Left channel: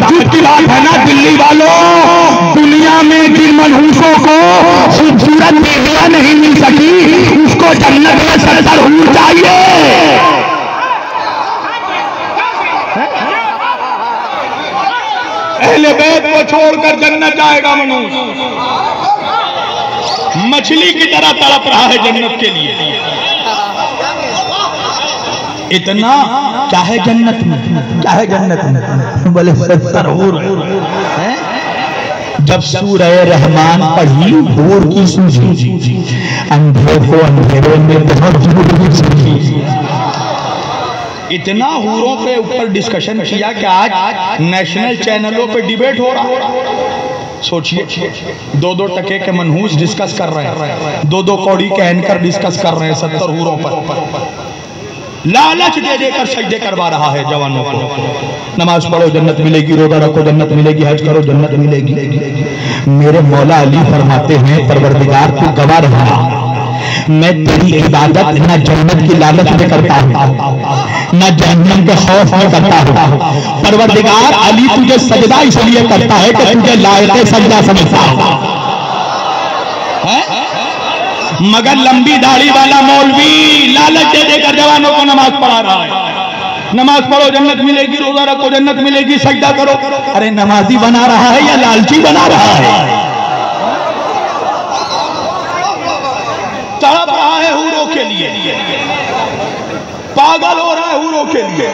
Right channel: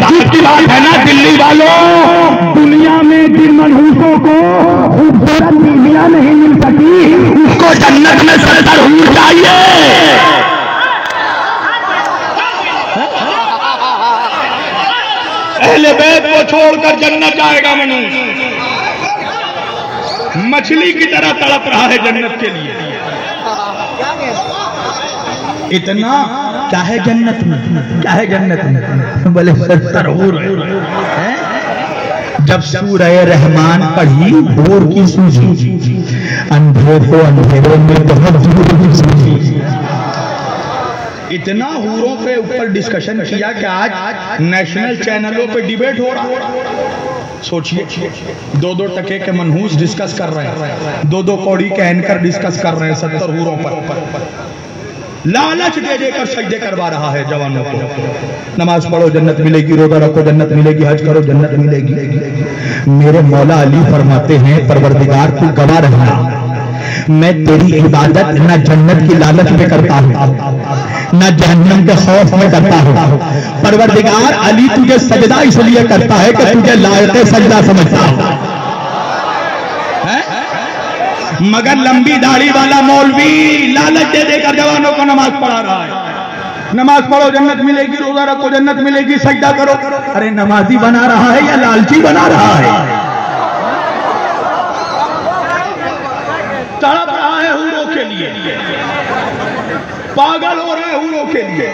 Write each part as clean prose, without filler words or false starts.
ताज्जुब की बात है ना दिल्ली वालों, दुनिया में जिन मनहूसों को खूबसूरत बीवियां नहीं मिल सकी उसको जन्नत में 70 हूर चाहिए। अहले बैत को छोड़कर जन्नत जाएगा मनहूस, मछली की तरह तड़प रहा है जन्नत के लिए। इतना चाहे जन्नत में, चाहे जन्नत में बोले 70 हूर है। जब सूरह रहमान पढ़ी हूर की सूझी, अंधेरे को अंधेरे में बहुत सूझी। इतना हूरों पे ऊपर डिस्कशन किया कि आज नेशनल चैनलों पे डिबेट हो रहा। सोचिए, 2-2 टके के मनहूस डिस्कस कर रहे हैं, 2-2 कौड़ी के एंकर डिस्कस कर रहे हैं 70 हूरों पर। लालच दे देकर सजदे करवा रहा है जवानों को। नमाज पढ़ो जन्नत मिलेगी, रोजा रखो जन्नत मिलेगी, हज करो जन्नत मिलेगी। मेरे मौला अली फरमाते हैं परवरदिगार तू गवाह रहना, मैं तेरी इबादत न जन्नत की लालच में करता हूँ न जहन्नम के खौफ में करता हूँ। परवरदिगार अली तुझे सजदा इसलिए करता है कि तुझे लायक सजदा समझता है। मगर लंबी दाढ़ी वाला मौलवी लालच दे देकर जवानों को नमाज पढ़ा रहा है। नमाज पढ़ो जन्नत मिलेगी, रोजा रखो जन्नत मिलेगी, सजदा करो। अरे नमाजी बना रहा है या लालची बना रहा है? तड़प रहा है हूरों के लिए, पागल हो रहा है हूरों के लिए,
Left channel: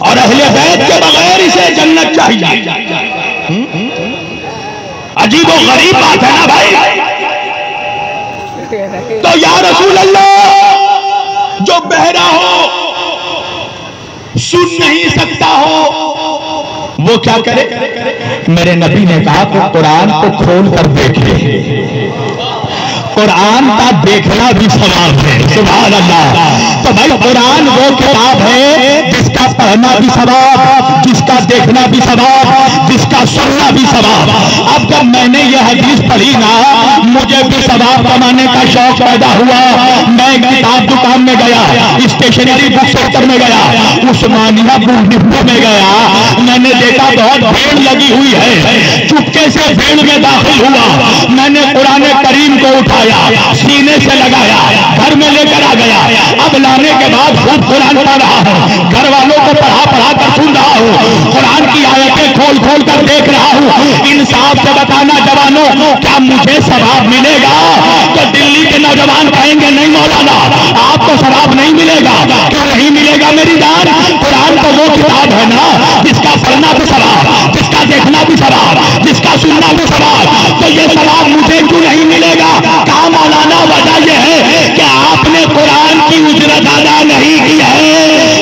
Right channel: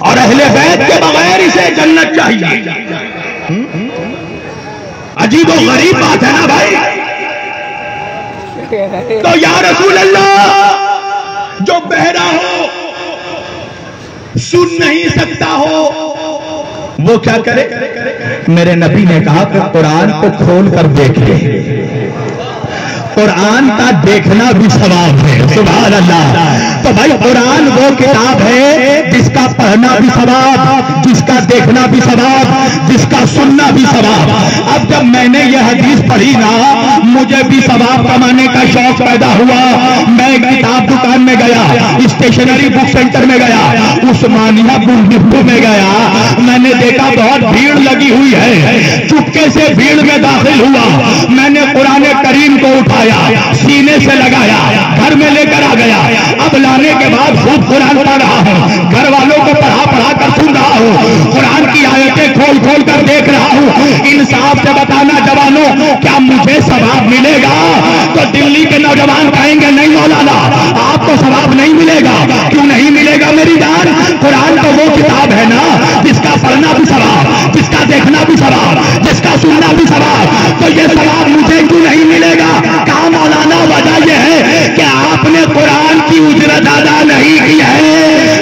और अहले बैत के बगैर इसे जन्नत चाहिए। अजीब और गरीब बात है ना भाई। तो या रसूल अल्लाह, जो बहरा हो, सुन नहीं सकता हो, वो क्या करे? मेरे नबी ने कहा कि कुरान को खोल कर देखिए, कुरान का देखना भी सवाब है। सुभान अल्लाह। तो भाई कुरान वो किताब है जिसका पढ़ना भी सवाब, जिसका देखना भी सवाब, जिसका सुनना भी सवाब। अब जब मैंने ये हदीस पढ़ी ना, मुझे भी सवाब कमाने का शौक पैदा हुआ। मैं किताब दुकान में गया, स्टेशनरी बुक सेंटर में गया, उस्मानिया बुक डिपो में गया। मैंने देखा बहुत भीड़ लगी हुई है, चुपके से भीड़ में दाखिल हुआ। मैंने कुरान करीम को उठाया, सीने से लगाया, घर में लेकर आ गया। अब लाने के बाद खूब कुरान पढ़ रहा हूँ, घर वालों को पढ़ा कर सुन रहा हूँ, कुरान की आयतें खोल खोल कर देख रहा हूँ। इंसाफ से बताना जवानों, क्या मुझे सवाब मिलेगा? तो दिल्ली के नौजवान कहेंगे नहीं मौलाना, आपको सवाब नहीं मिलेगा। क्यों नहीं मिलेगा मेरी जान? कुरान तो वो किताब है ना जिसका पढ़ना भी सवाब, जिसका देखना भी सवाब, जिसका सुनना भी सवाब। तो ये सवाब मुझे क्यों नहीं मिलेगा? कहा मौलाना वजह यह है कि आपने कुरान की उजरत अदा नहीं की है।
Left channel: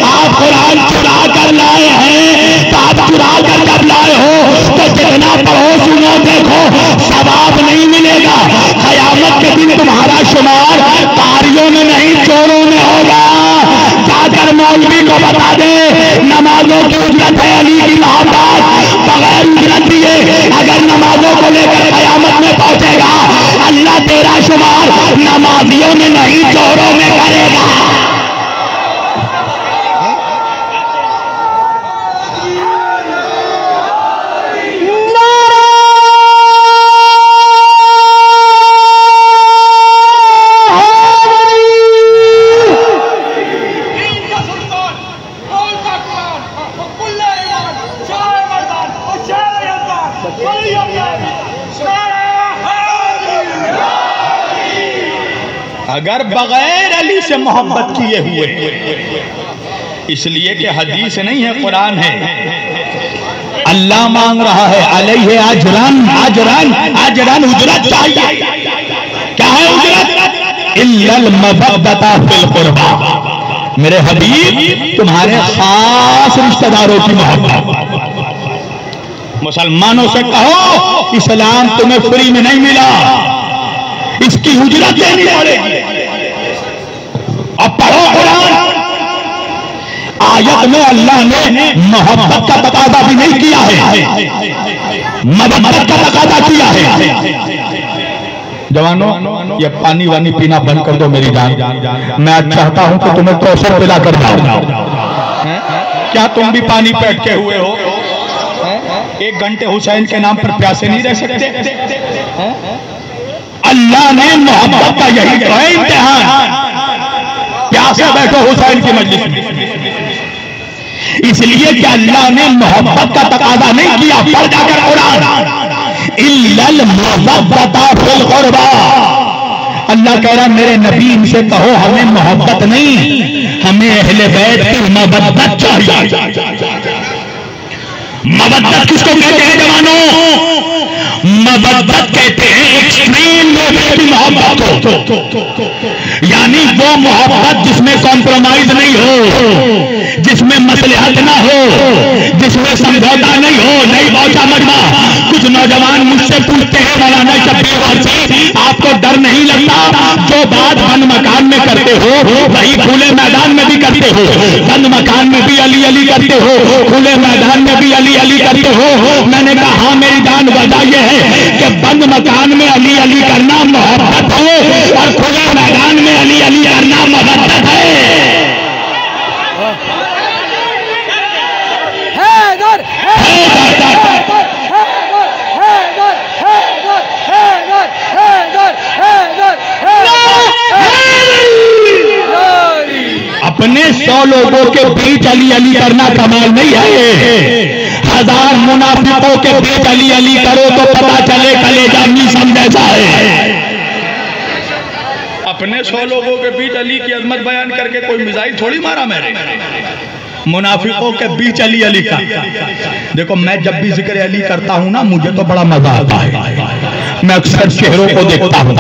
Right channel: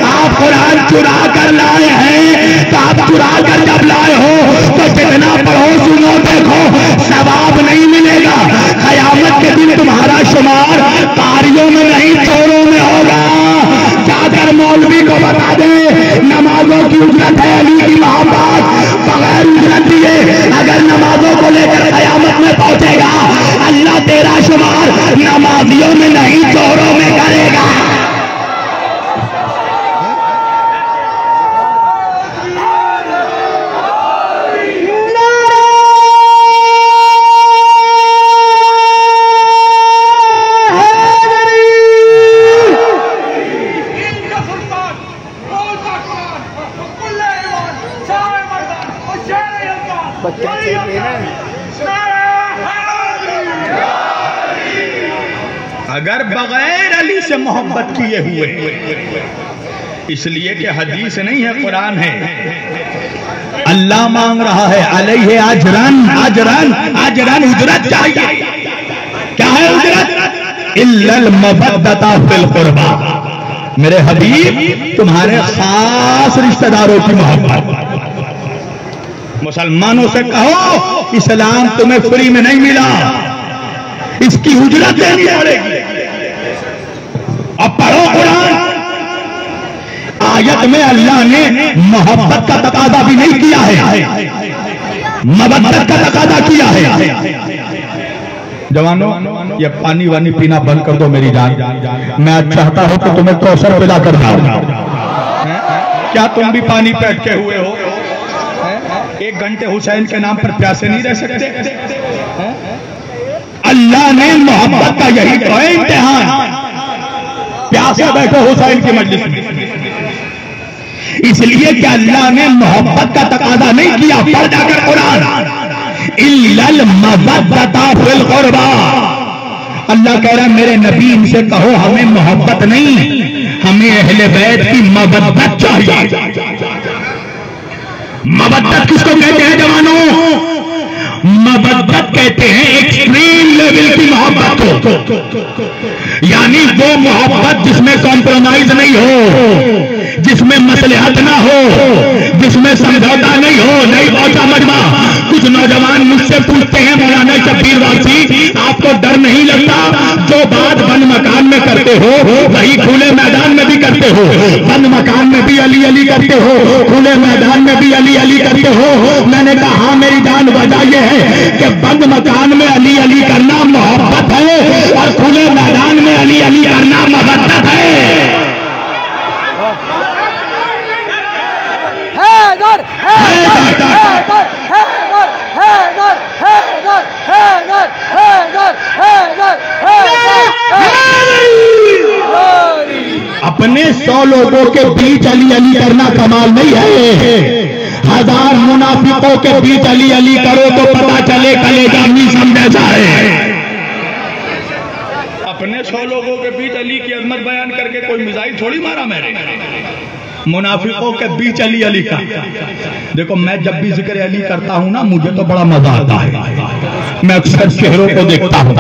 आप कुरान चुरा कर लाए हैं। तो आप चुरा कर जब लाए हो तो जितना पढ़ो सुनो देखो सवाब नहीं मिलेगा। कयामत के दिन तुम्हारा शुमार तारियों में नहीं चोरों में होगा। जाकर मौलवी को बता दे नमाजों की उजरत है, अली की मोहब्बत बगैर उजरत दिए अगर नमाजों को लेकर कयामत में पहुंचेगा, अल्लाह तेरा शुमार नमाजियों में नहीं चोरों में करेगा। अगर बगैर अली से मोहब्बत किए हुए, इसलिए कि हदीस नहीं है कुरान है। अल्लाह मांग रहा है अलैहि अजरन, अजरन अजरन उजरत चाहिए। क्या है उजरत? इल्लल मवद्दता फिल कुर्बा। मेरे हबीब तुम्हारे खास रिश्तेदारों की मोहब्बत। मुसलमानों से कहो इस्लाम तुम्हें फ्री में नहीं मिला, इसकी उजरत देनी पड़ेगी। और पढ़ो कुरान, आयत में अल्लाह ने मोहब्बत का तकादा भी नहीं किया है, मवद्दत का तकादा किया है। जवानों ये पानी वानी पीना बंद कर दो मेरी जान। मैं चाहता हूं कि तुम्हें कौशल पिला कर जाऊं। क्या तुम भी पानी पे अटके हुए हो? 1 घंटे हुसैन के नाम पर प्यासे नहीं रह सकते? अल्लाह ने मोहब्बत का यही तो है इम्तिहान। प्यासे बैठो हुसैन की मजलिस में, इसलिए कि अल्लाह ने मोहब्बत का तकाजा नहीं किया। पढ़ जाकर कुरान, इल्लल मवद्दता फिल कुर्बा। अल्लाह कह रहा है मेरे नबी इनसे कहो हमें मोहब्बत नहीं, हमें अहले बैत की मवद्दत चाहिए। मवद्दत किसको कहते हैं जवानों? मवद्दत कहते हैं एक्सट्रीम लेवल की मोहब्बत को, यानी वो मोहब्बत जिसमें कॉम्प्रोमाइज नहीं हो, जिसमें मसलहत ना हो, जिसमें समझौता नहीं हो। नहीं पहुंचा मजमा। कुछ नौजवान मुझसे पूछते हैं मौलाना शब्बीर वासी आपको डर नहीं लगता? जो बात बंद मकान में करते हो वही खुले मैदान में भी करते हो। बंद मकान में भी अली अली करते हो, खुले मैदान में भी अली अली करते हो। मैंने कहा हाँ मेरी जान वजह यह है कि बंद मकान में अली अली करना मोहब्बत है और खुले मैदान में अली अली करना मोहब्बत है। अपने 100 लोगों के बीच अली अली करना कमाल नहीं है। 1000 मुनाफिकों के बीच अली अली करो तो पता चले कलेजा मीसम जैसा है। अपने 100 लोगों के बीच अली की अजमत बयान करके कोई मिसाइल थोड़ी मारा मैंने। मुनाफिकों के बीच अली अली का देखो, मैं जब भी जिक्र अली करता हूं ना मुझे तो बड़ा मजा आता है। मैं अक्सर चेहरों को देखता हूं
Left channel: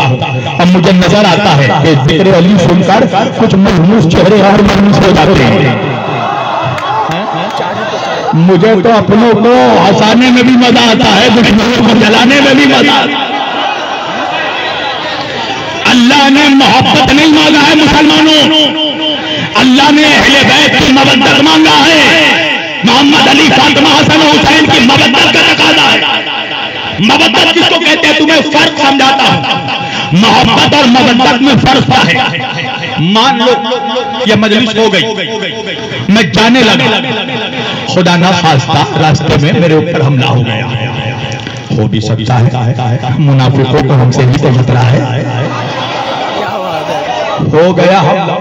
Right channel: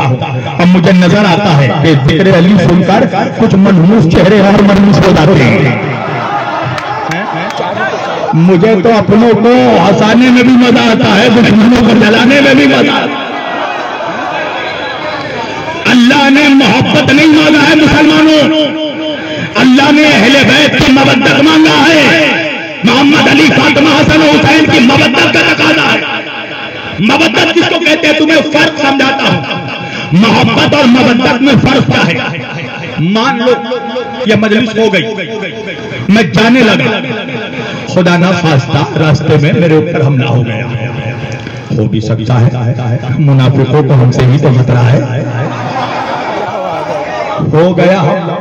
और मुझे नजर आता है कि जिक्र अली सुनकर कुछ मनहूस चेहरे और मनहूस हो जाते हैं। मुझे तो अपनों को हंसाने में भी मजा आता है, दुश्मनों को जलाने में भी मजा आता है। अल्लाह ने मोहब्बत नहीं मांगा है मुसलमानों, अल्लाह ने अहले बैत की मवद्दत मांगा है। मोहम्मद अली फातिमा हसन हुसैन की मवद्दत का तकाजा है। मवद्दत किसको कहते हैं तुम्हें फर्क समझाता हूं। मोहब्बत और मवद्दत में फर्क है। मान लो ये मजलिस हो गई, मैं जाने लगा, खुदा ना खास्ता रास्ते में मेरे ऊपर हमला हो गया। हो भी सकता है, मुनाफिकों को हमसे ही तो खतरा है। हो गया हमला।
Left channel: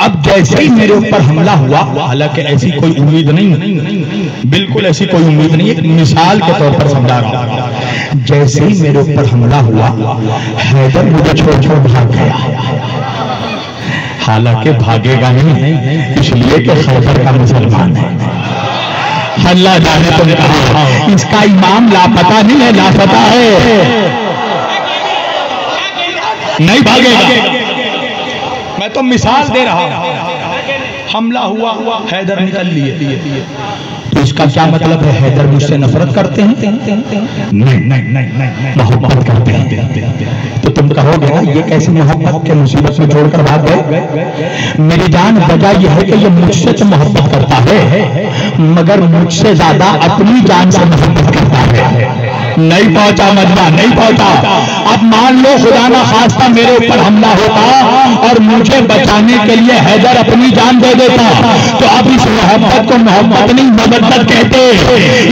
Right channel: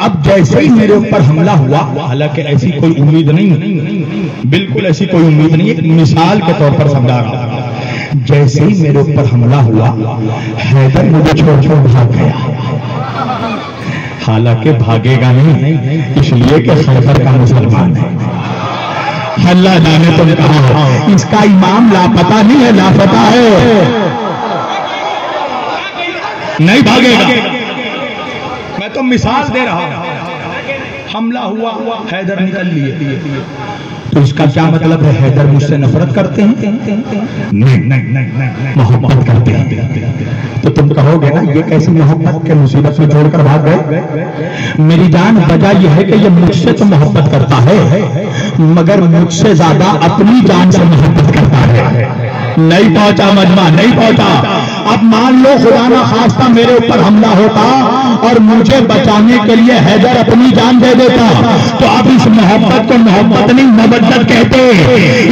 अब जैसे ही मेरे ऊपर हमला हुआ, हालांकि ऐसी कोई उम्मीद नहीं, बिल्कुल ऐसी कोई उम्मीद नहीं, एक मिसाल के तौर पर समझा रहा हूं। जैसे ही मेरे ऊपर हमला हुआ, हैदर मुझे छोड़ छोड़ भाग गया। हालांकि भागेगा नहीं, इसलिए कि हैदर का मुसलमान है। अल्लाह जाने तो कहा इसका इमाम लापता नहीं है, लापता है, नहीं भागेगा। मैं तो मिसाल दे रहा हूं। हमला हुआ, हैदर निकल लिए, तो इसका क्या मतलब है? हैदर मुझसे नफरत करते हैं? नहीं, मोहब्बत करते हैं। तो तुम कहोगे ना ये कैसी मोहब्बत के मुसीबत में छोड़कर भाग गए? मेरी जान वजह यह है कि ये मुझसे तो मोहब्बत करता है, मगर मुझसे ज्यादा अपनी जान से मोहब्बत करता है। नहीं पहुंचा मजमा, नहीं पहुंचा। अब मान लो खुदा ना खास्ता मेरे ऊपर हमला होता और मुझे बचाने के लिए हैदर अपनी जान दे देता, तो अब इस मोहब्बत को मोहब्बत नहीं मवद्दत कहते,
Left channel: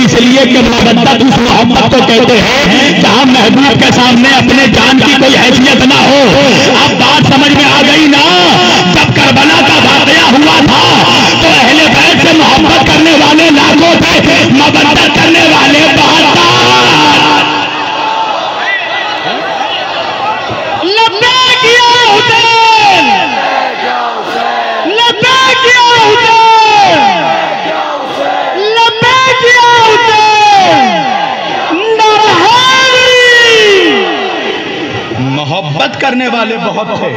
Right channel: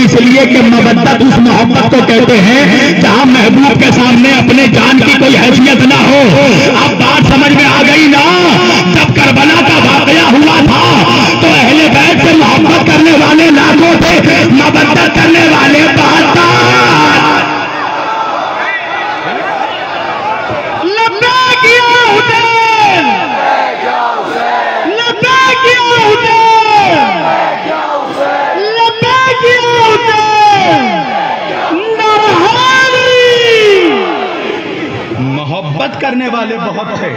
इसलिए कि मवद्दत उस मोहब्बत को कहते हैं जहां महबूब के सामने अपने जान की कोई हैसियत ना हो। अब बात समझ में आ गई ना? जब करबला का वाकया हुआ था तो अहले बैत से मोहब्बत करने वाले लाखों थे, मवद्दत करने वाले 72। मोहब्बत करने वाले बहुत थे,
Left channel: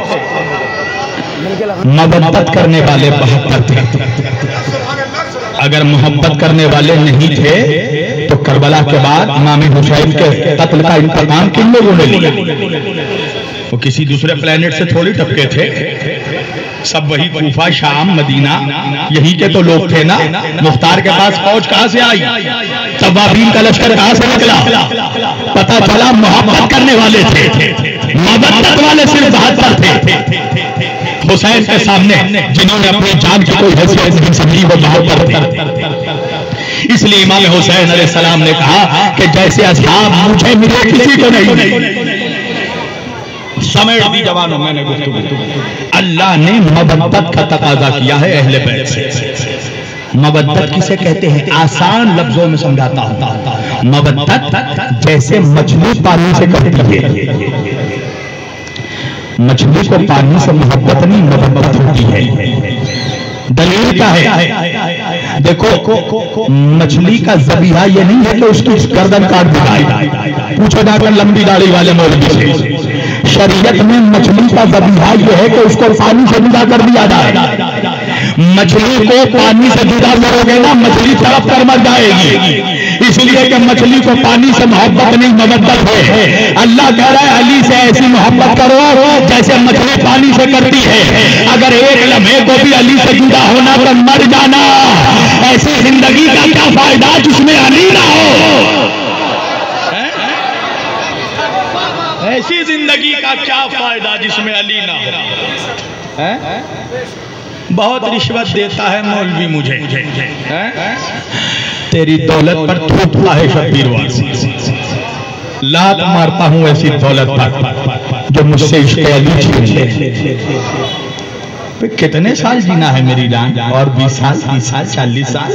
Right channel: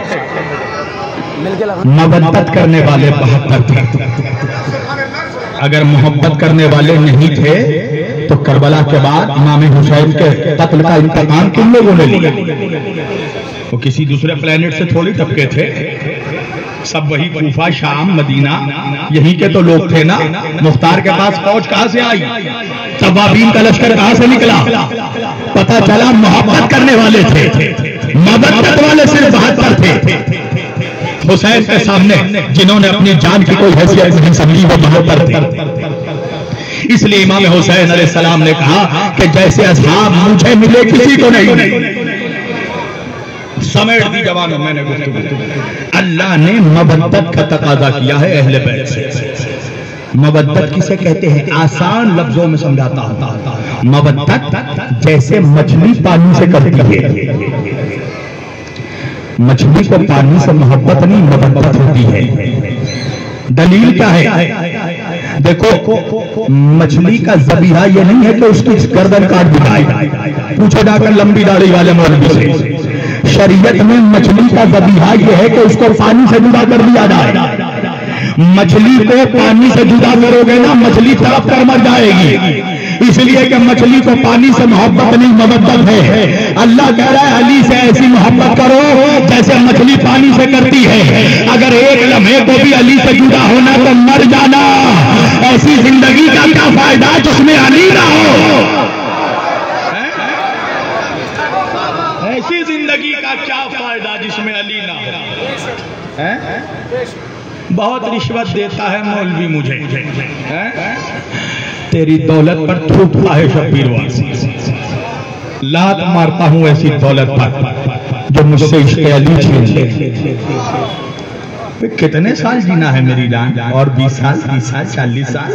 मवद्दत करने वाले 72 थे। अगर मोहब्बत करने वाले नहीं थे तो करबला के बाद इमाम हुसैन के कत्ल का इंतकाम किन लोगों ने लिया? वो किसी दूसरे प्लेनेट से थोड़ी टपके थे, सब वही कूफा, शाम, मदीना, यही के तो लोग थे ना। मुख्तार के पास फौज कहां से आई? तवाबीन का लश्कर कहां से निकला? पता चला मोहब्बत करने वाले थे, मवद्दत वाले सिर्फ 72 थे। हुसैन के सामने जिन्होंने अपनी जान की कोई हैसियत नहीं समझी, वो मोहब्बत थे। इसलिए इमाम हुसैन अलैहिस्सलाम ने कहा कि जैसे असहाब मुझे मिले किसी को नहीं। समेट दी जवानों, मैंने अल्लाह ने मबद्दत का तकाजा किया है अहले बैत से। मबद्दत किसे कहते हैं? आसान लफ्जों में समझाता हूं। मबद्दत जैसे मछली पानी से करती है, मछली को पानी से मोहब्बत नहीं, मबद्दत होती है। दलील क्या है? देखो, मछली का ज़बीहा ये नहीं है कि उसकी गर्दन काट दी जाए। पूछो जाकर लंबी दाढ़ी वाले मौलवी से, शरीयत में मछली का ज़बीहा ये है कि उसको पानी से जुदा कर दिया जाए। मछली को पानी से जुदा करोगे ना, मछली तड़प कर मर जाएगी। इसलिए कि मछली को पानी से मोहब्बत नहीं, मबद्दत है। अल्लाह कह रहा है अली से ऐसी मोहब्बत करो जैसे मछली पानी से करती है। अगर एक लम्हे को भी अली से जुदा होना तो मर जाना। ऐसी जिंदगी का क्या फायदा जिसमें अली ना हो? ऐसी जिंदगी का क्या फायदा जिसमें अली ना हो? बहुत रिश्वत देता है मौलवी मुझे, तेरी दौलत पर थूकता है शब्बीर वासी, लात मारता हूं ऐसी दौलत पर जो मुझसे इश्क़ अली छीन ले। कितने साल जीना है मेरी जान? और 20 साल, 30 साल, 40 साल,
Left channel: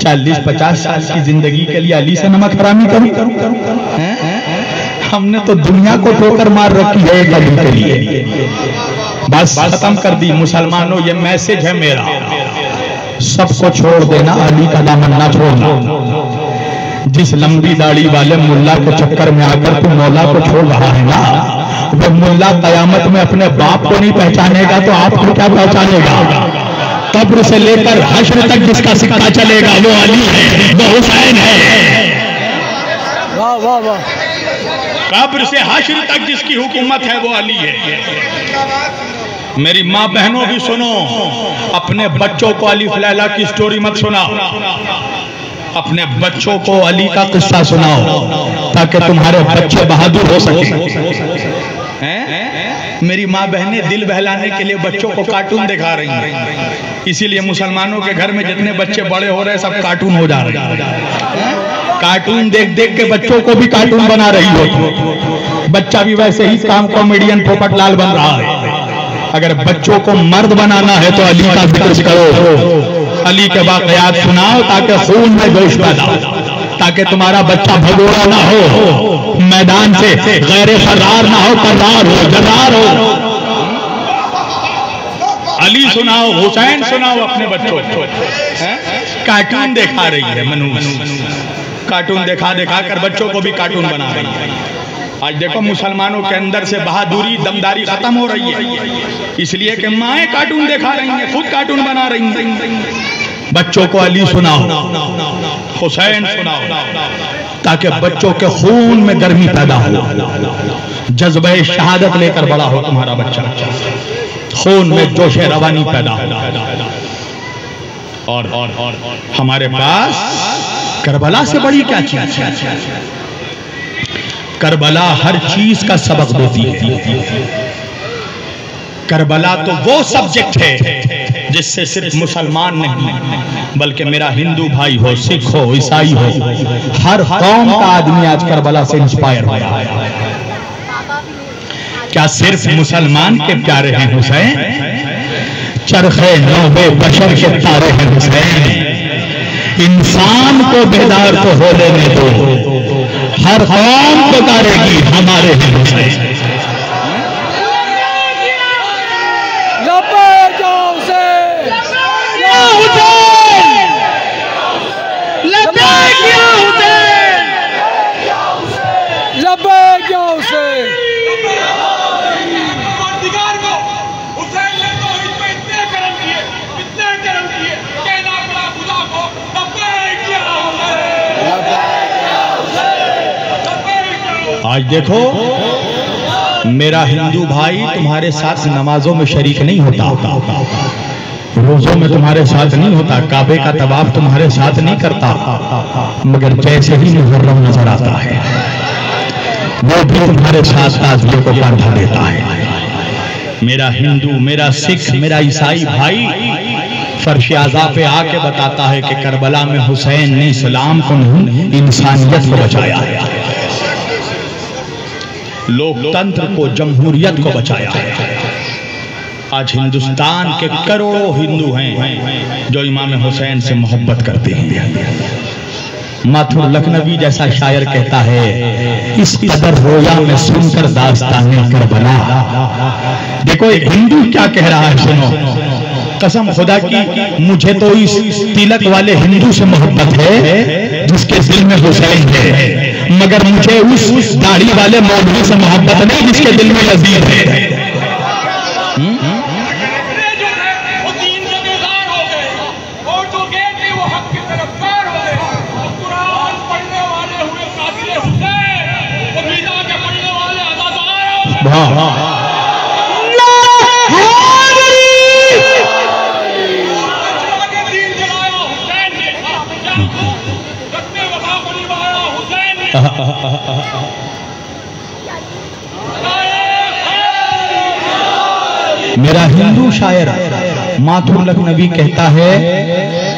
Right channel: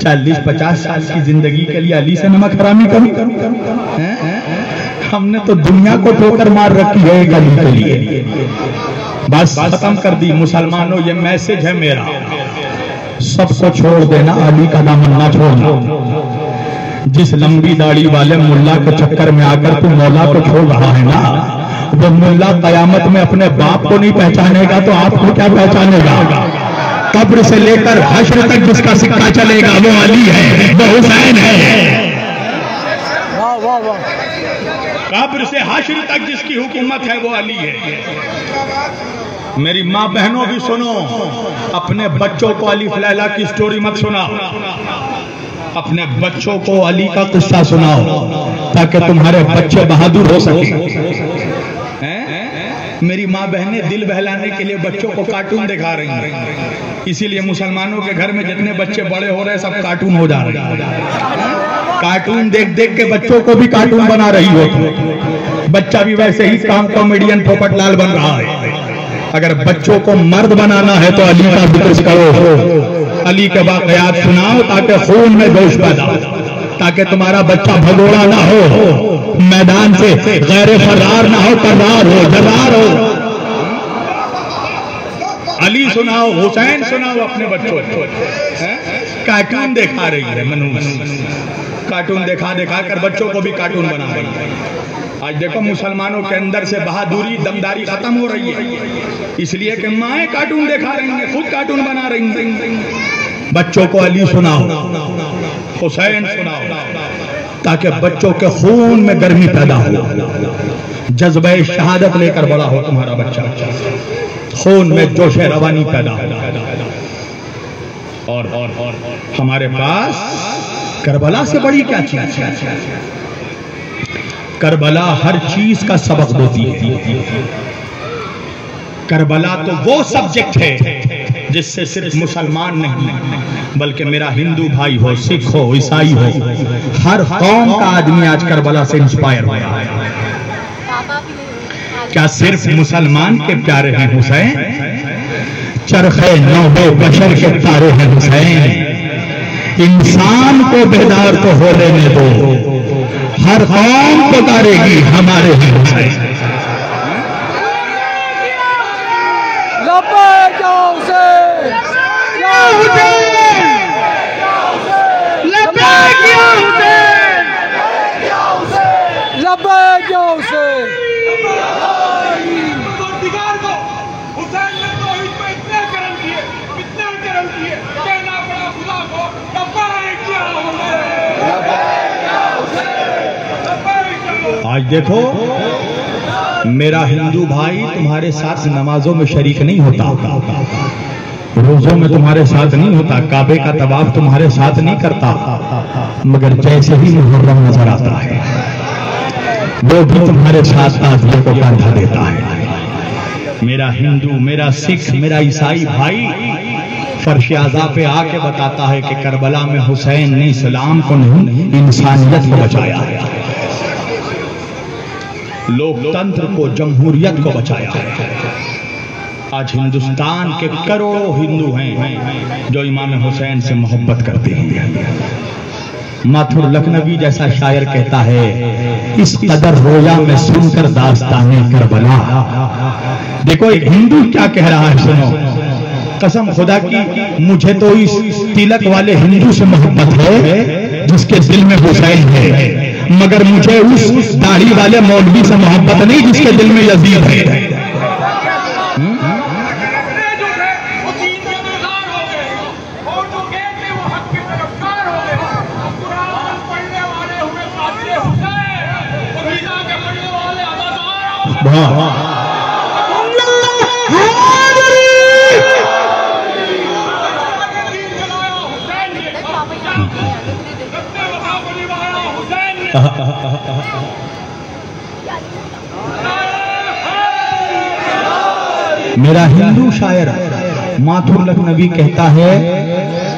40-50 साल की जिंदगी के लिए अली से नमक हरामी करूं? हमने तो दुनिया को ठोकर मार रखी है एक अली के लिए। बस खत्म कर दी। मुसलमानों, ये मैसेज है मेरा, सबको छोड़ देना, अली का दामन ना छोड़ना। जिस लंबी दाढ़ी वाले मुल्ला के चक्कर में आकर तू मौला को छोड़ रहा है ना, वो मुल्ला कयामत में अपने बाप को नहीं पहचानेगा तो आपको क्या पहचानेगा? कब्र से लेकर हश्र तक जिसका सिक्का चलेगा वो अली है, वो हुसैन है। कब्र से हश्र तक जिसकी हुकूमत है वो अली है। मेरी माँ बहनों भी सुनो, अपने बच्चों को अलिफ लैला की स्टोरी मत सुनाओ, अपने बच्चों को अली का किस्सा सुनाओ ताकि तुम्हारे बच्चे बहादुर हो सके। मेरी माँ बहनें दिल बहलाने के लिए बच्चों को कार्टून दिखा रही हैं, इसीलिए मुसलमानों के घर में जितने बच्चे बड़े हो रहे हैं सब कार्टून हो जा रहे हैं। कार्टून देख देख के बच्चों को भी कार्टून बना रही हो। बच्चा भी वैसे ही काम कॉमेडियन पोपटलाल बन रहा है। अगर बच्चों को मर्द बनाना है तो अली का जिक्र करो, अली के वाक़यात सुनाओ ताकि खून में जोश पैदा हो, ताकि तुम्हारा बच्चा भगोड़ा ना हो, मैदान से गैर फरार ना हो, फरार हो, जरार हो। अली सुनाओ, हुसैन सुनाओ अपने बच्चों को। कार्टून दिखा रही है मनुष्य, कार्टून दिखा दिखा कर बच्चों को भी कार्टून बना रही है। आज देखो मुसलमानों के अंदर से बहादुरी, दमदारी खत्म हो रही है, इसलिए कि माएँ कार्टून दिखा रही हैं, खुद कार्टून बना रही हैं। बच्चों को अली सुनाओ, हुसैन सुनाओ, ताकि बच्चों के खून में गर्मी पैदा हो, जज्बे शहादत लेकर बड़ा हो तुम्हारा बच्चा, खून में जोशे रवानी पैदा हो। और हमारे पास करबला से बड़ी क्या चीज? करबला हर चीज का सबक देती है। करबला तो वो सब्जेक्ट है जिससे सिर्फ मुसलमान नहीं बल्कि मेरा हिंदू भाई हो, सिख हो, ईसाई हो, हर कौम का आदमी आज करबला से इंस्पायर हो रहा है। क्या सिर्फ मुसलमान के प्यारे हैं हुसैन? चरखे नौबे बशर के तारे हैं हुसैन। इंसान को बेदार तो हो लेने दो, हर कौम को तारेगी हमारे हुसैन। आज देखो मेरा हिंदू भाई तुम्हारे साथ नमाजों में शरीक नहीं होता, रोजों में तुम्हारे साथ नहीं होता, काबे का तवाफ तुम्हारे साथ नहीं करता, मगर जैसे ही मुहर्रम नजर आता है वो भी तुम्हारे साथ ताज़िए को बांधा देता है। मेरा हिंदू, मेरा सिख, मेरा ईसाई भाई फर्श आज़ा पे आके बताता है कि करबला में हुसैन ने इस्लाम को नहीं इंसानियत को बचाया है, लोकतंत्र को, जमहूरियत को बचाया है। आज हिंदुस्तान के करोड़ों हिंदू हैं जो इमाम हुसैन से मोहब्बत करते हैं। माथुर लखनवी जैसा शायर कहता है, इस कदर रोया में सुनकर दास्ताने करबला। देखो हिंदू क्या कह रहा है, सुनो। कसम खुदा की, मुझे तो इस तिलक वाले हिंदू से मोहब्बत है जिसके दिल में हुसैन है, मगर मुझे उस दाढ़ी वाले मौलवी से मोहब्बत नहीं जिसके दिल में यजीद है। मेरा हिंदू शायर माथुर लखनवी कहता है,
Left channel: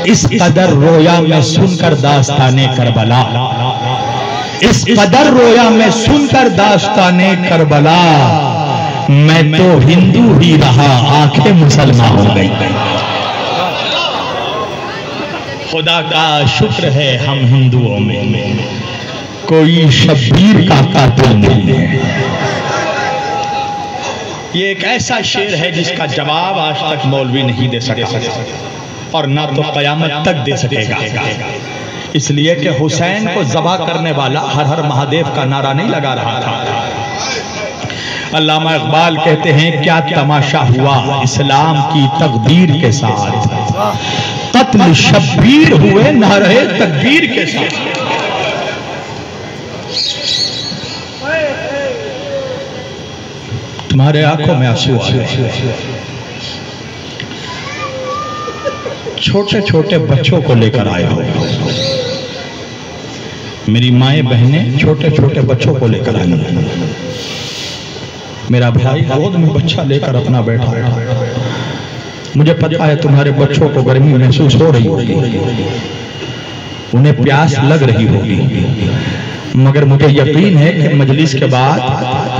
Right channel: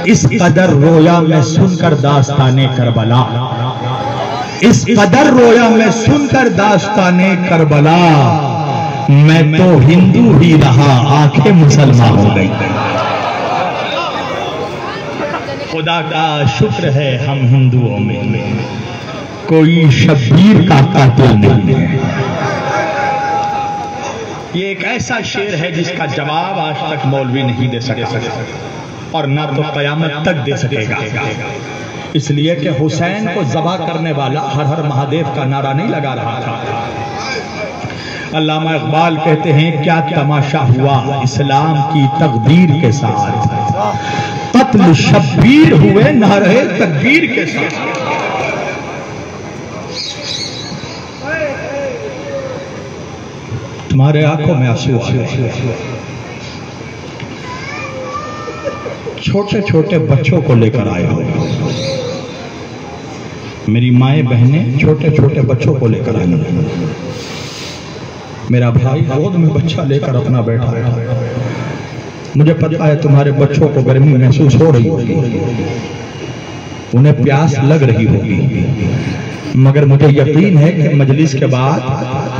इस कदर रोया मैं सुनकर दास्ताने करबला, इस कदर रोया मैं सुनकर दास्ताने करबला, मैं तो हिंदू ही रहा, आंखें मुसलमान हो गई। खुदा का शुक्र है हम हिंदुओं में कोई शब्बीर का कातिल नहीं है। ये एक ऐसा शेर है जिसका जवाब आज तक मौलवी नहीं दे सके और ना तो कयामत तक दे सकेगा। इसलिए कि हुसैन को ज़बह करने वाला हर हर महादेव का नारा नहीं लगा रहा था। अल्लामा इकबाल कहते हैं, क्या तमाशा हुआ इस्लाम की तकदीर के साथ, कत्ल शब्बीर हुए नारे तकबीर के साथ। तुम्हारे आंखों में आंसू आ गए। छोटे छोटे बच्चों को लेकर आए हो, मेरी माएँ बहनें छोटे छोटे बच्चों को लेकर आई। मेरा भाई गोद में बच्चा लेकर अपना बैठा है। मुझे पता है तुम्हारे बच्चों को गर्मी महसूस हो रही होगी, उन्हें प्यास लग रही होगी, मगर मुझे यकीन है कि मजलिस के बाद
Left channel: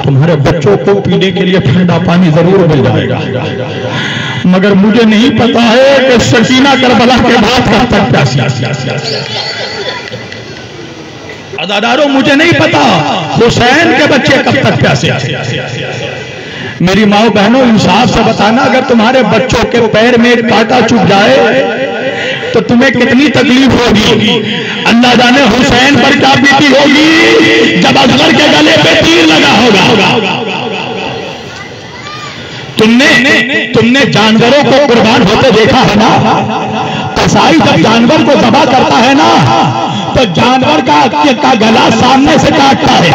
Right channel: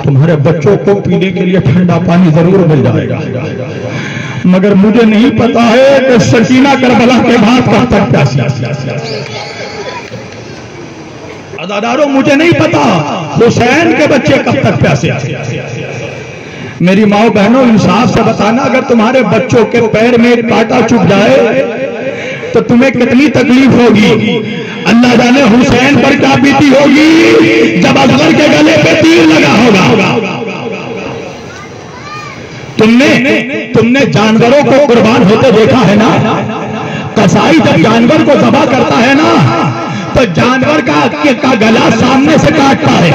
तुम्हारे बच्चों को पीने के लिए ठंडा पानी जरूर मिल जाएगा। मगर मुझे नहीं पता है कि सकीना करबला के बाद कब तक प्यासी। अदादारों, मुझे नहीं पता हुसैन के बच्चे कब तक प्यासे। मेरी माओ बहनों, इंसाफ से बताना, अगर तुम्हारे बच्चों के पैर में कांटा चुभ जाए तो तुम्हें कितनी तकलीफ होगी। अल्लाह जाने हुसैन पर क्या बीती होगी जब असगर के गले पे तीर लगा होगा। तुमने जानवरों को कुर्बान होते देखा है ना। कसाई जब जानवर को ज़बह करता है ना, तो जानवर का गला सामने से काटता है।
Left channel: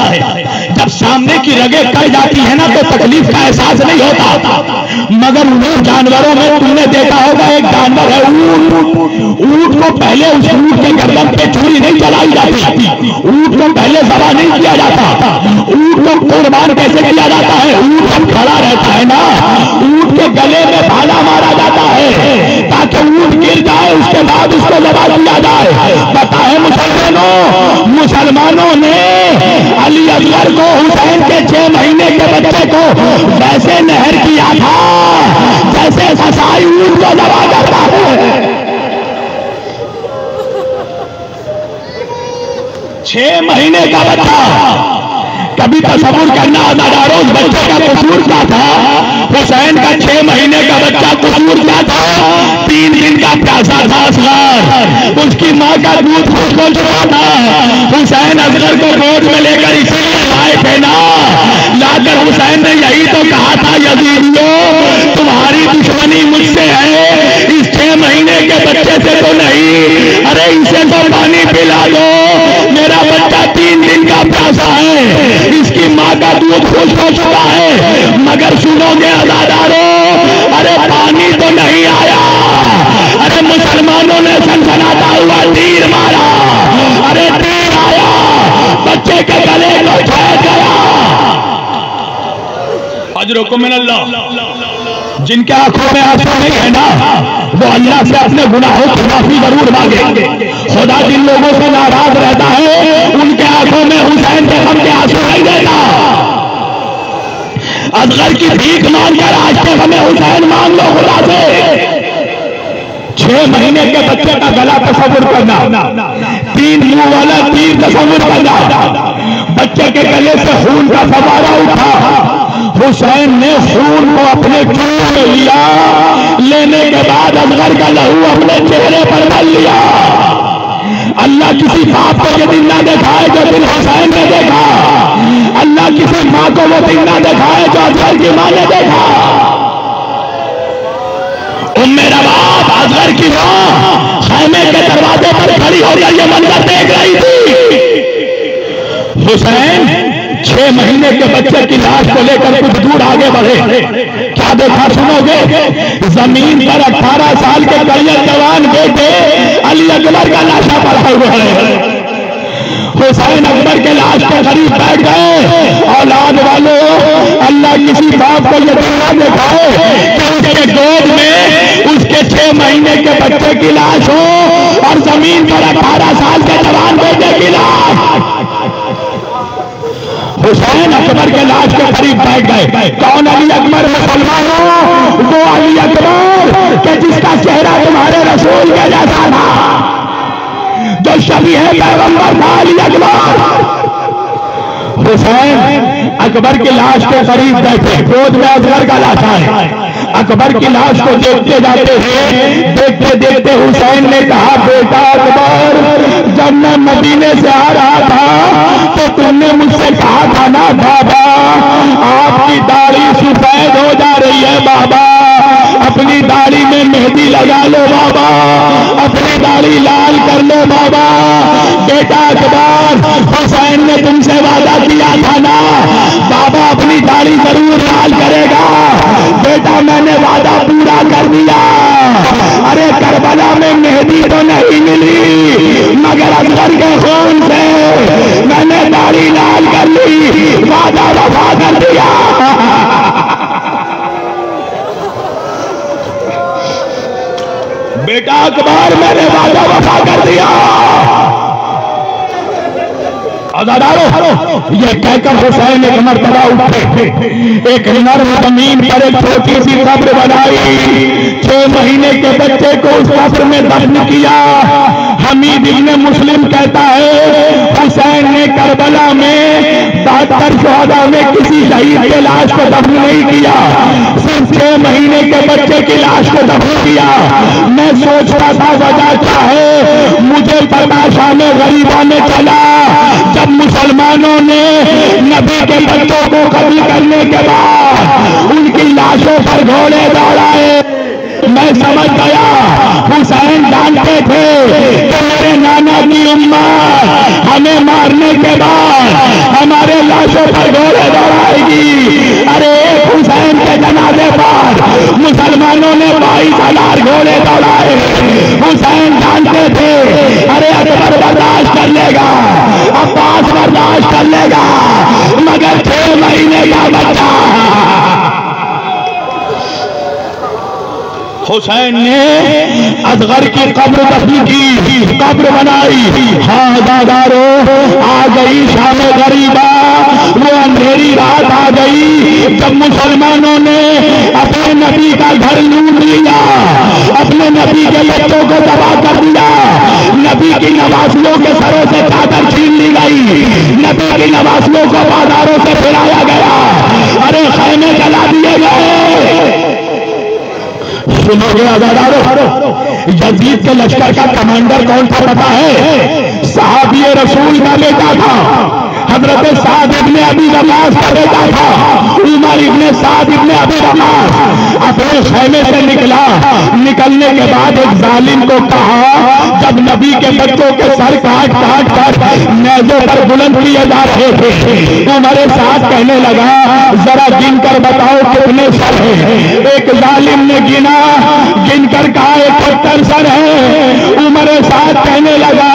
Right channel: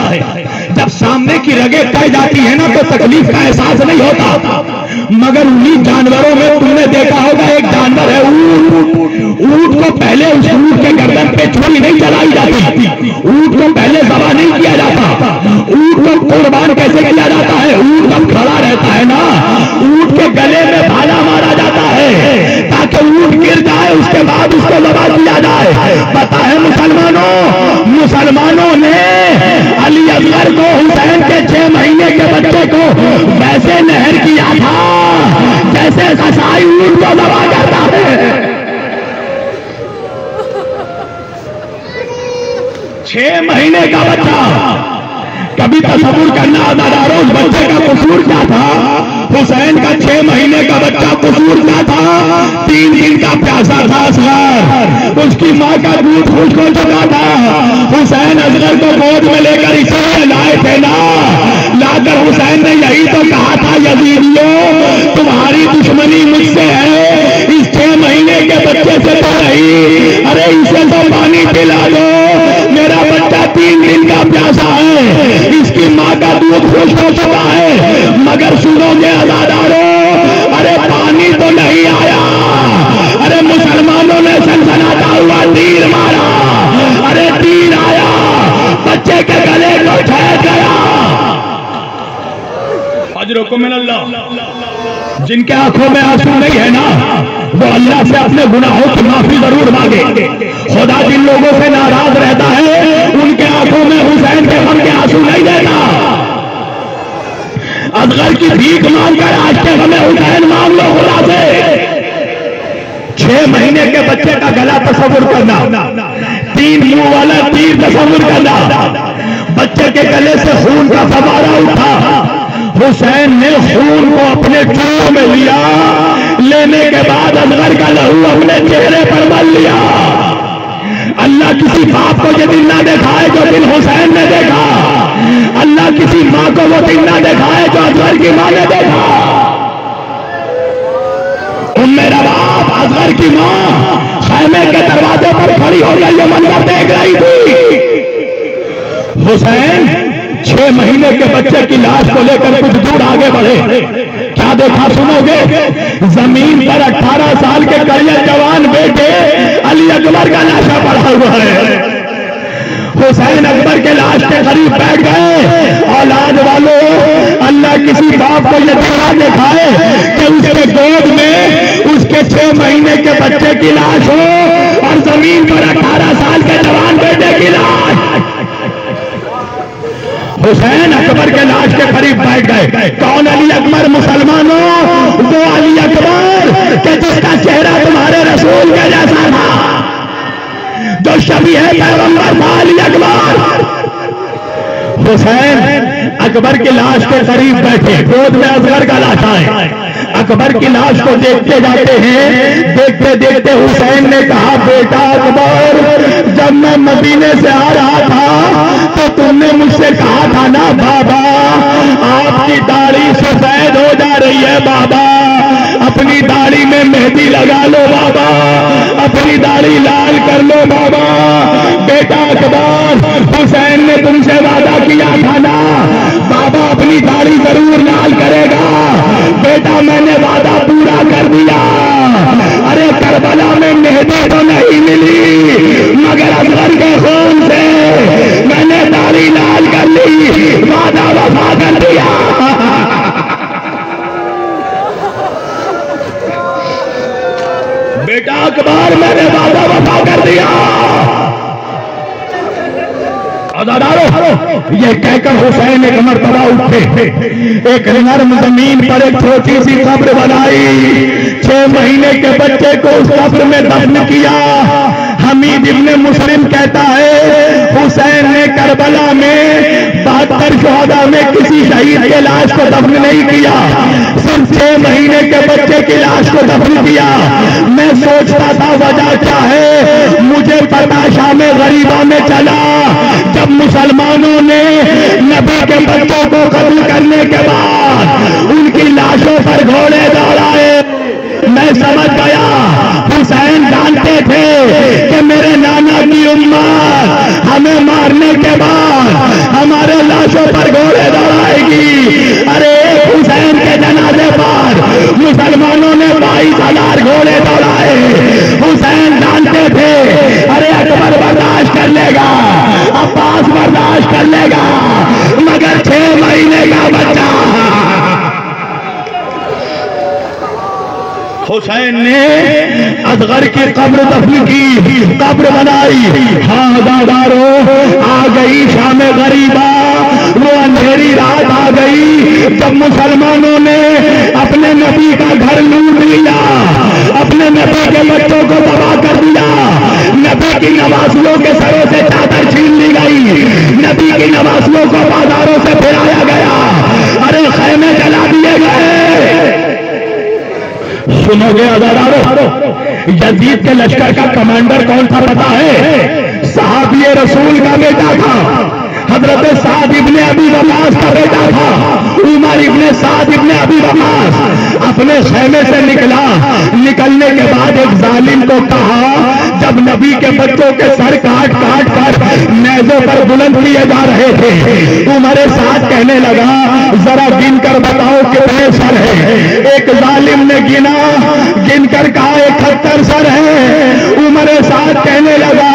जब सामने की रगें कट जाती है ना, तो तकलीफ का एहसास नहीं होता। मगर उन्हीं जानवरों में तुमने देखा होगा, एक जानवर है ऊंट। ऊंट को पहले उस ऊंट के गर्दन पे छुरी नहीं चलाई जाती, ऊंट को पहले ज़बह नहीं किया जाता। ऊंट को कुर्बान कैसे किया जाता है? ऊंट जब खड़ा रहता है ना, ऊंट के गले में भाला मारा जाता है ताकि ऊंट गिर जाए, उसके बाद उसको ज़बह किया जाए। पता है मुसलमानों ने अली असगर को, हुसैन के 6 महीने के बच्चे को वैसे नहर किया था जैसे कसाई ऊंट को ज़बह करता है। 6 महीने का बच्चा, कभी तसव्वुर करना अदादारों, उस बच्चे का कसूर क्या था? हुसैन का 6 महीने का बच्चा कसूर क्या था? 3 दिन का प्यासा था असगर, उसकी माँ का दूध खुश्क हो चुका था। हुसैन असगर को गोद में लेकर इसे लाए थे ना, लाकर हुसैन ने यही तो कहा था, यजीदियों तुम्हारी दुश्मनी मुझसे है, इस 6 महीने के बच्चे से तो नहीं। अरे इसे तो पानी पिला दो, मेरा बच्चा 3 दिन का प्यासा है, इसकी माँ का दूध खुश्क हो चुका है। मगर सुनोगे अदादारों, अरे पानी तो नहीं आया। अरे मुसलमानों ने सनसनाता हुआ तीर मारा, अरे तीर आया, बच्चे के गले को ठहर गया। अजरुकुम मिनल्लाह। जिनके आंखों में आंसू नहीं है ना, वो अल्लाह से अपने गुनाहों की माफी जरूर मांगे। खुदा जिन लोगों से नाराज रहता है उनके आंखों में हुसैन के गम के आंसू नहीं देता। असगर की भीख मांगकर आज के हमें हुसैन मांग लो खुदा से। 6 महीने के बच्चे का गला तस्वुर करना, 3 मुंह वाला तीर तस्वुर करना, बच्चे के गले से खून का फवारा उठा, हुसैन ने खून को अपने चूल्हे में लिया, लेने के बाद असगर का लहू अपने चेहरे पर मल लिया। अल्लाह किसी बाप को ये दिन ना दिखाए जो दिन हुसैन ने देखा, अल्लाह किसी माँ को वो दिन ना दिखाए जो असगर की माँ ने देखा। मेरा बाप असगर की माँ खैमे के दरवाजे पर खड़ी होकर ये मंजर देख रही थी। हुसैन 6 महीने के बच्चे की लाश को लेकर कुछ दूर आगे बढ़े। क्या देखा सुनोगे? जमीन पर 18 साल के करियर जवान बेटे अली अकबर का लाशा पड़ा हुआ है। हुसैन अकबर के लाश के करीब बैठ गए। औलाद वालों, अल्लाह किसी बाप को यह देखना दिखाए कि उसके गोद में उसके 6 महीने के बच्चे की लाश हो और जमीन पर 18 साल के जवान बेटे की लाश। हुसैन अकबर के लाश के करीब बैठ गए। कौन अली अकबर? मुसलमानों, वो अली अकबर के जिसका चेहरा तुम्हारे रसूल के जैसा था, जो शबी है पैगंबर था, अली अकबर। हुसैन अकबर की लाश के करीब बैठे, गोद में असगर का लाश है। अकबर की लाश को देखते जाते हैं। देखते देखते हुसैन ने कहा, बेटा अकबर, जब मैं मदीने से आ रहा था तो तुमने मुझसे कहा था ना बाबा, आपकी दाढ़ी सफेद हो जा रही है बाबा, अपनी दाढ़ी में मेहंदी लगा लो बाबा, अपनी दाढ़ी लाल कर लो बाबा। बेटा अकबर, हुसैन ने तुमसे वादा किया था ना बाबा अपनी दाढ़ी जरूर लाल करेगा। बेटा मैंने वादा पूरा कर दिया। अरे करबला में मेहंदी तो नहीं मिली, मगर असगर के खून से मैंने दाढ़ी लाल कर ली, वादा वफा कर दिया। बेटा अकबर, मैंने वादा वफा कर दिया। ये कहकर हुसैन एक मर्तबा उठे, एक नर्म जमीन पर एक छोटी सी कब्र बनाई, 6 महीने के बच्चे को उस कब्र में दफन किया। हमीद इब्ने मुस्लिम कहता है, हुसैन ने करबला में 72 शोहदा में किसी शहीद के लाश को दफन नहीं किया, सिर्फ 6 महीने के बच्चे की लाश को दफन किया। मैं सोचता था वजह क्या है, मुझे पता शाम गरीबा में चला, जब मुसलमानों ने नबी के बच्चों को कत्ल करने के बाद उनकी लाशों पर घोड़े दौड़ाए। मैं समझ गया हुसैन जानते थे कि मेरे नाना की उम्मत हमें मारने के बाद हमारे लाशों पर घोड़े दौड़ाएगी। अरे एक हुसैन के जनाजे पर मुसलमानों ने 22,000 घोड़े दौड़ाए। हुसैन जानते थे अरे अकबर बर्दाश्त कर लेगा, अब्बास बर्दाश्त कर लेगा, मगर 6 महीने का बच्चा। हुसैन ने असगर की कब्र दफन की, कब्र बनाई। हाँ दादारो, आ गई शाम गरीबा, वो अंधेरी रात आ गई जब मुसलमानों ने अपने नबी का घर लूट लिया, अपने नबी के बच्चों को तबाह कर दिया, नबी की नवासियों के सरों से चादर छीन ली गई, नबी की नवासियों को बाजारों से फिराया गया, अरे खैमे जला दिए गए। सुनोगे आजादारो, यजीद के लश्कर का कमांडर कौन था पता है? सहाबी रसूल का बेटा था, हजरत साद इब्ने अबी वक़ास का बेटा था, उमर इब्ने साद इब्ने अबी वक़ास अपने खैमे से निकला। निकलने के बाद एक जालिम को कहा, जब नबी के बच्चों के सर काट काट कर नेज़ों पर बुलंद किए जा रहे थे, उमर साद कहने लगा, जरा गिन कर बताओ कितने सर हैं। एक जालिम ने गिना, गिनकर कहा 71 सर है। उमर साद कहने लगा,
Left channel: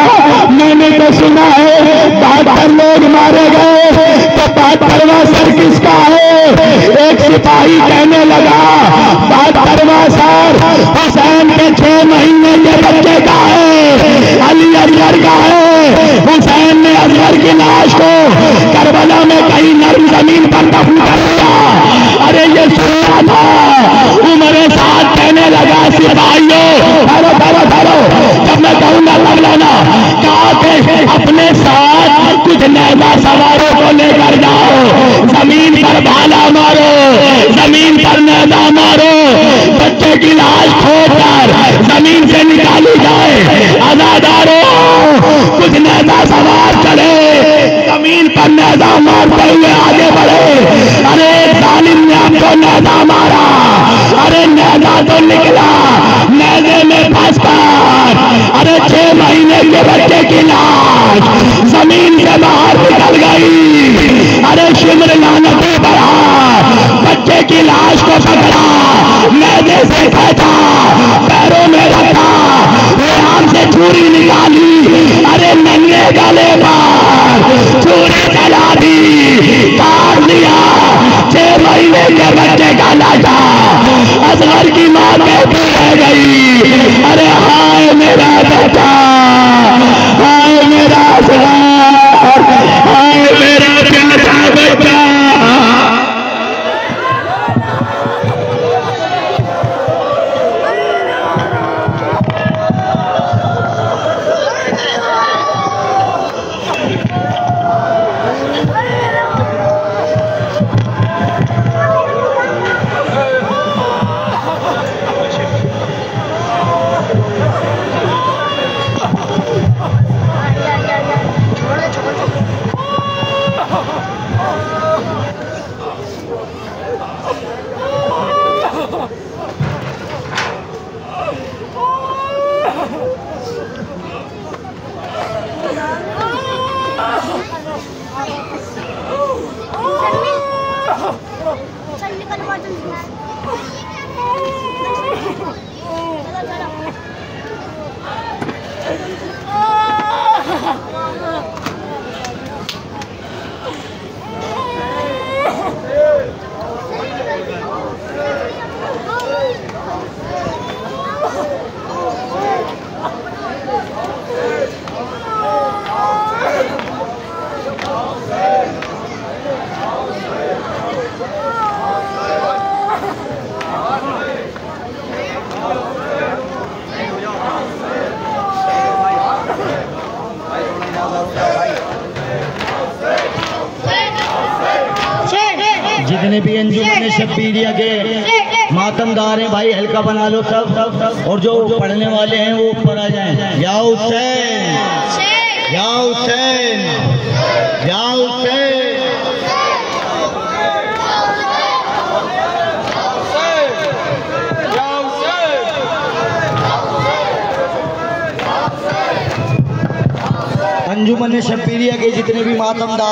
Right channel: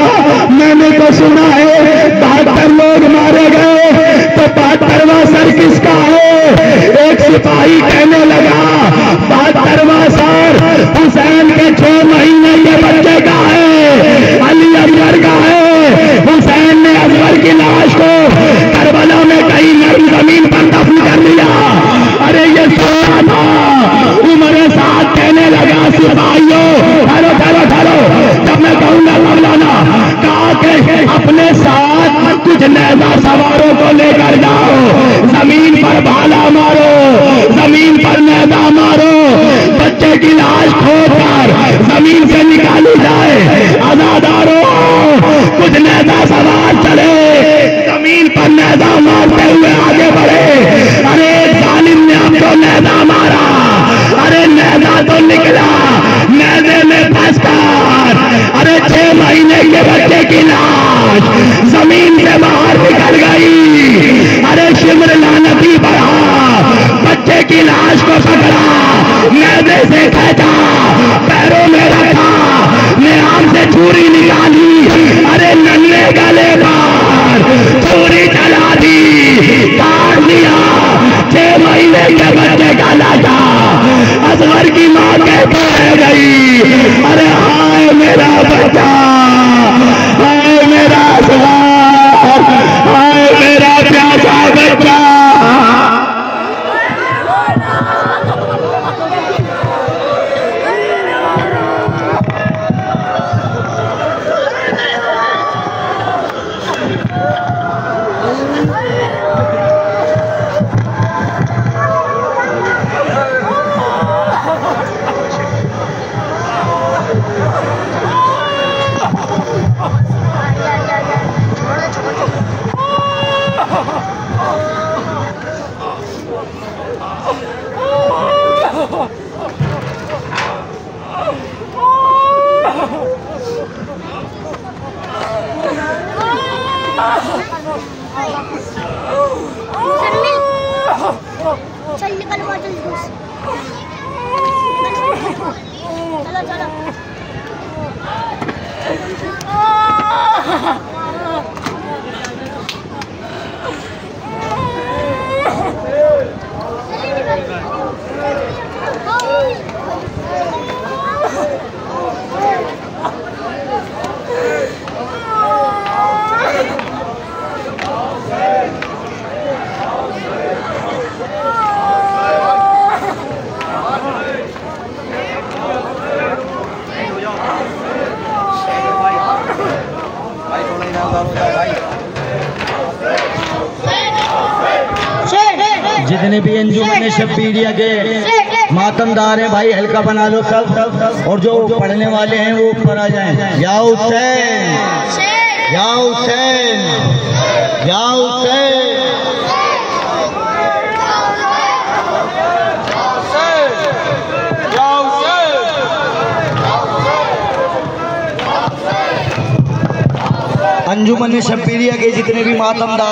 मैंने तो सुना है 72 लोग मारे गए, तो 72वां सर किसका है? 100 सिपाही कहने लगा, बात करवा सर, हुसैन के 6 महीने के बच्चे का है, अली असगर का है। हुसैन ने असगर की लाश को करबला में कहीं नरम जमीन पर दफन कर दिया। अरे ये सुनना था। उमर साथ कहने लगा, सिपाहियों ठहरो ठहरो ठहरो, जब मैं कहूंगा लौलाना, कहा कि अपने साथ कुछ नैजा सवारों को लेकर जाओ, जमीन पर भाला मारो, जमीन पर नैजा मारो, बच्चे की लाश खोदकर जमीन से निकाली जाए। आजादारों, कुछ नैजा सवार चढ़े, जमीन पर नैजा मारते हुए आगे बढ़े। अरे जालिम ने हमको नैजा मारा, अरे नैजा तो निकला, नैजे में फंसकर अरे 6 महीने के बच्चे की लाश जमीन से बाहर निकल गई। अरे शिमर लानती बढ़ा, बच्चे की लाश को पकड़ा, नैजे से फेंका, पैरों में रखा, लिहाज से छुरी निकाली, अरे नन्हे गले पर छुरी चला दी, काट दिया 6 महीने के बच्चे का लाशा। असगर की मां कहती रह गई, अरे हाय मेरा बच्चा, हाय मेरा असगर, हाय मेरा प्यारा बच्चा। जितने भी अंजुमन शब्बीरिया के मातमदार हैं भाई, हल्का बना लो सब, और जो पढ़ने वाले हैं वो ऊपर आ जाएं। या हुसैन, या हुसैन, या हुसैन। अंजुमन शब्बीरिया के जितने भी मातमदार